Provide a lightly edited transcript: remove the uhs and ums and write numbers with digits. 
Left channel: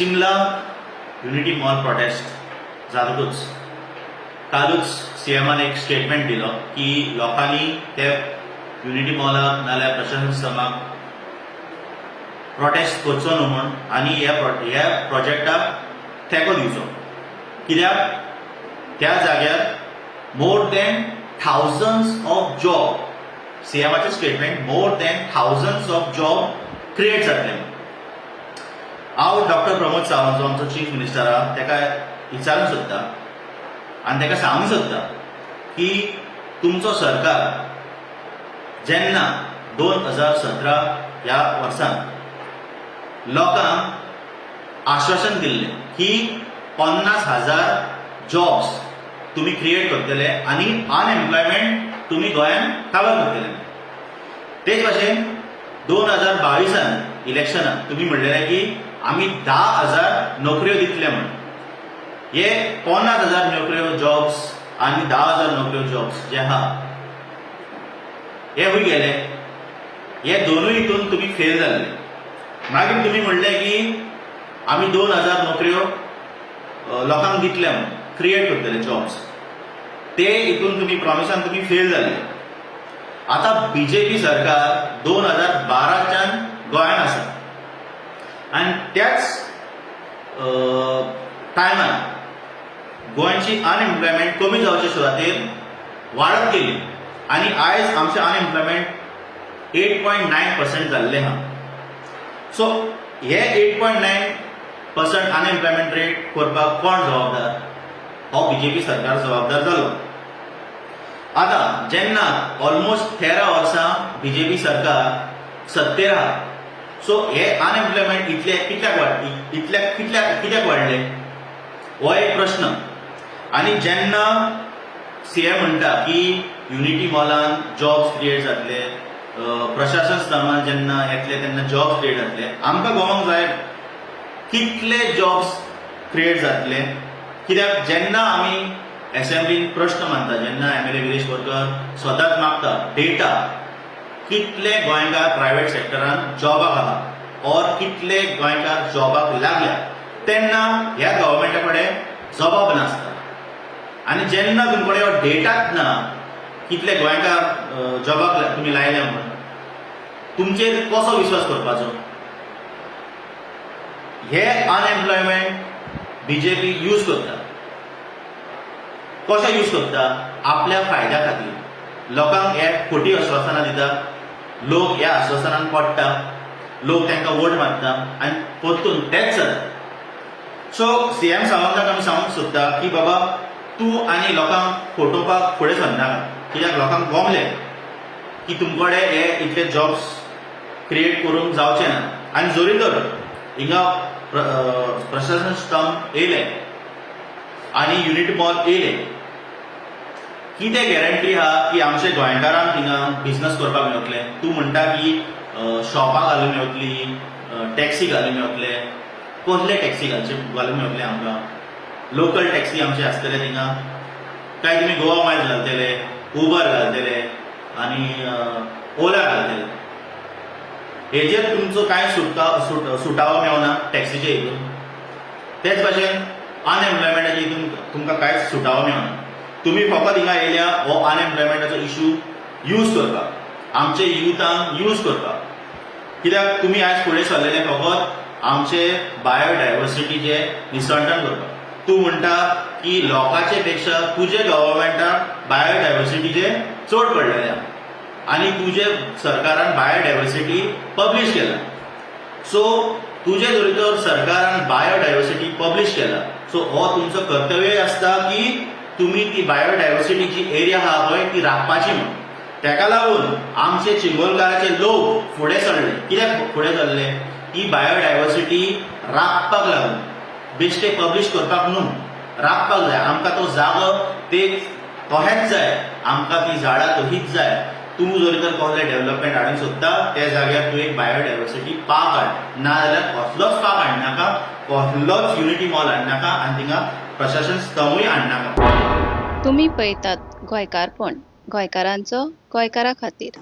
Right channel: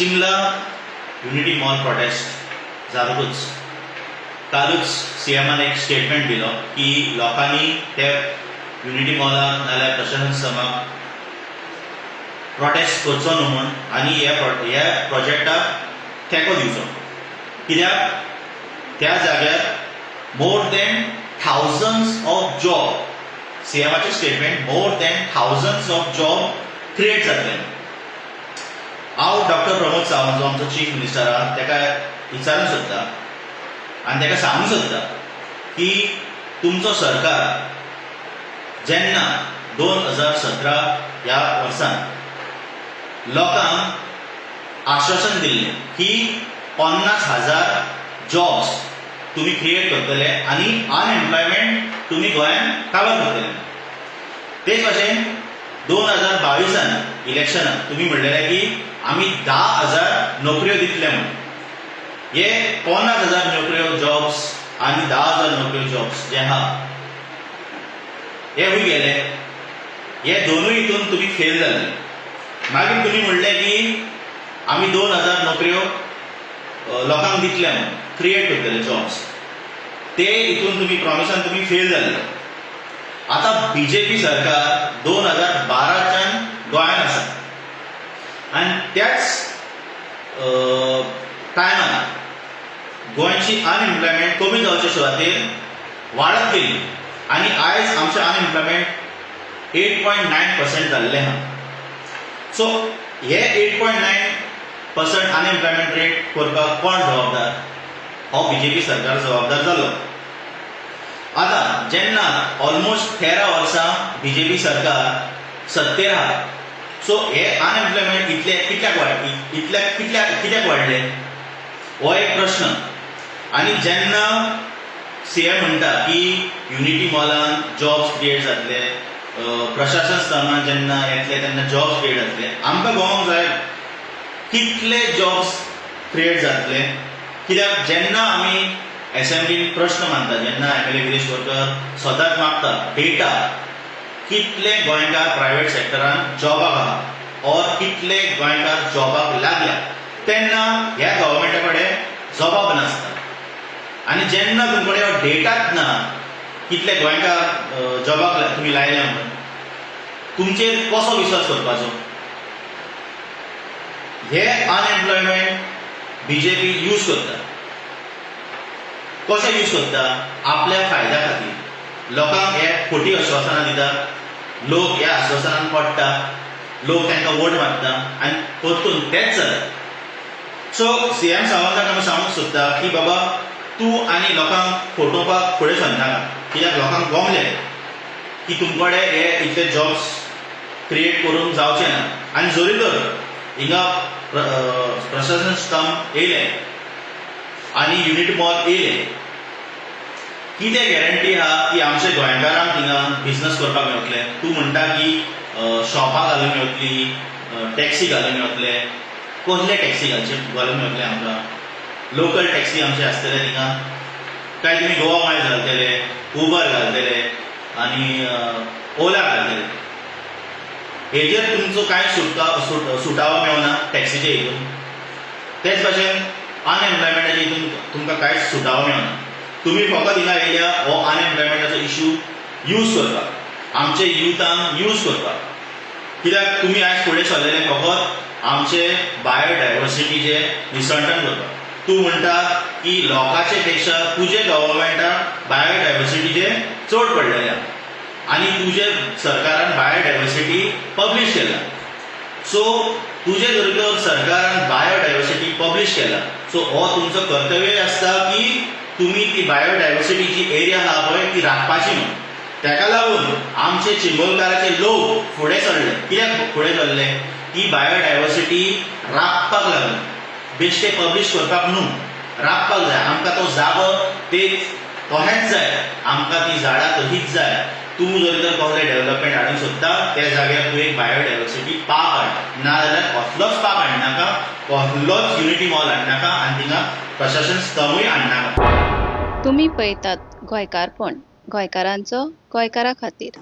चिंबला unity mall prostate जातूच कालूच सीएमान एक statement दिलो की लोकांनी ते युनिटी मॉलाक नाल्यार प्रशासन समाक प्रोटेस्ट करचो न्हू म्हूण आनी ह्या प्रोजेक्टाक तेंको दिवचो कित्याक त्या जाग्यार more than thousands of job सीएमाचे statement more than thousands of job create जातले. हांव डॉक्टर प्रमोद सावंत जो आमचो चीफ मिनिस्टर आहा ताका विचारूंक सोदता आनी ताका सांगूंक सोदता की तुमचो सरकार जेन्ना 2017 ह्या वर्सान लोकांक आश्वासन दिल्लें की 50,000 जॉब्स तुम्ही क्रिएट करतले आनी अनएम्प्लॉयमेंट तुम्ही गोंयांत काबार करतले. तेच भाशेन 2022 इलेक्शनाक तुम्ही म्हणलेलें की आमी 10,000 नोकऱ्यो दितले म्हूण. हे 50,000 नोकऱ्यो जॉब्स आनी 10,000 नोकऱ्यो जॉब्स जे आहा हे खूंय गेले. हे दोनूय हितून तुम्ही फेल जाल्ले. मागीर तुम्ही म्हणलें की आमी 2,000 नोकऱ्यो लोकांक दितले म्हूण क्रिएट करतले जॉब्स. ते हितून तुम्ही प्रॉमिसान तुम्ही फेल जाल्ले. आता बीजेपी सरकार 2012च्यान गोंयांत आसा आनी त्याच टायमार गोंयची अनएम्प्लॉयमेंट कमी जावचे सुवातेर वाडत गेली आनी आयज आमचें अनएम्प्लॉयमेंट 8.9% जाल्लें आहा. सो हे 8.9% अनएम्प्लॉयमेंट रेट करपाक कोण जबाबदार? हो बीजेपी सरकार जबाबदार जालो. आता जेन्ना ऑलमोस्ट 13 वर्सां बीजेपी सरकार सत्तेर आहा, सो हे अनएम्प्लॉयमेंट कित्याक वाडले हो एक प्रश्न. आनी जेन्ना सीएम म्हणटा की युनिटी मॉलान जॉब्स क्रिएट जातले, प्रशासन स्तरान जेन्ना येतले तेन्ना जॉब्स क्रिएट जातले, आमकां पळोवंक जाय कितले जॉब्स क्रिएट जातले. कित्याक जेन्ना आमी असेंब्लीन प्रश्न मांडटा, जेन्ना एमएलए गिरीश बोरकर सदांच मागता डेटा कितले गोंयकार प्रायवेट सेक्टरान जॉबाक आहा और कितले गोंयकार जॉबाक लागल्या, तेन्ना ह्या गव्हर्मेंटा कडेन जबाब नासता. आनी जेन्ना तुमचे कडेन हो डेटाच ना कितले गोंयकार जॉबाक तुमी लायल्या म्हणून, तुमचेर कसो विश्वास करपाचो? हे अनएम्प्लॉयमेंट बीजेपी यूज करता. कशें यूज करता? आपल्या फायद्या खातीर लोकांक हे खोटी आश्वासनां दिता, लोक ह्या आश्वासनान पडटा, लोक तांकां वोट मारता आनी परतून तेच जाता. सो सीएम सावंताक आमी सांगूंक सोदता की बाबा तूं आनी लोकांक फटोवपाक फुडें सरनाका. कित्याक लोकांक गमले की तुमचे कडेन हे इतले जॉब्स क्रिएट करून जावचे ना. आनी जोरी तर हिंगा प्रशासन स्तंभ येयले आनी युनिटी मॉल येयले, कितें गॅरंटी आहा की आमचे गोंयकारांक थिंगा बिजनस करपाक मेळटले? तूं म्हणटा की शॉपां घालून मेळटली, टॅक्सी घालून मेळटले. कसले टॅक्सी घालून मेळटले आमकां? लोकल टॅक्सी आमचे आसतले थिंगा काय तुमी गोवा मायल्स घालतले, उबर घालतले आनी ओला घालतले? हेजेर तुमचो कांय सुटावो मेळना टॅक्सीचे हितून. तेच भाशेन अनएम्प्लॉयमेंटाच्या हितून तुमकां कांयच सुटावो मेळना. तुमी फकत हिंगा येयल्या हो अनएम्प्लॉयमेंटाचो इशू यूज करपाक, आमचे युथांक यूज करपाक. कित्याक तुमी आयज फुडें सरलेले फकत आमचे बायोडायवर्सिटीचे निसंटन करपाक. तूं म्हणटा की लोकांचे पेक्षा तुजे गव्हर्मेंटाक बायोडायवर्सिटीचे चड पडलेले आहा आनी तुजे सरकारान बायोडायवर्सिटी पब्लीश केला. सो तुजे जरी तर सरकारान बायोडायवर्सिटी पब्लीश केला, सो हो तुमचो कर्तव्य आसता की तुमी ती बायोडायवर्सिटी जी एरिया आहा पळय ती राखपाची म्हणून. ताका लागून आमचे चिंबोलकाराचे लोक फुडें सरले. कित्याक फुडें सरले? ती बायोडायवर्सिटी राखपाक लागून, बेश्टे पब्लीश करपाक न्हू, राखपाक जाय. आमकां तो जागो तोहेच जाय, आमकां ती झाडां तशीच जाय. तूं जरी तर कसलें डेव्हलपमेंट हाडूंक सोदता त्या जाग्यार तूं एक बायोडायवर्सिटी पार्क हाड, नाजाल्यार कसलोच पार्क हाडनाका, कसलोच युनिटी मॉल हाडनाका आनी थिंगा प्रशासन स्तंभूय हाडनाका. तुम्ही पळयतात गोंयकारपण, गोंयकारांचो गोंयकारा खातीर.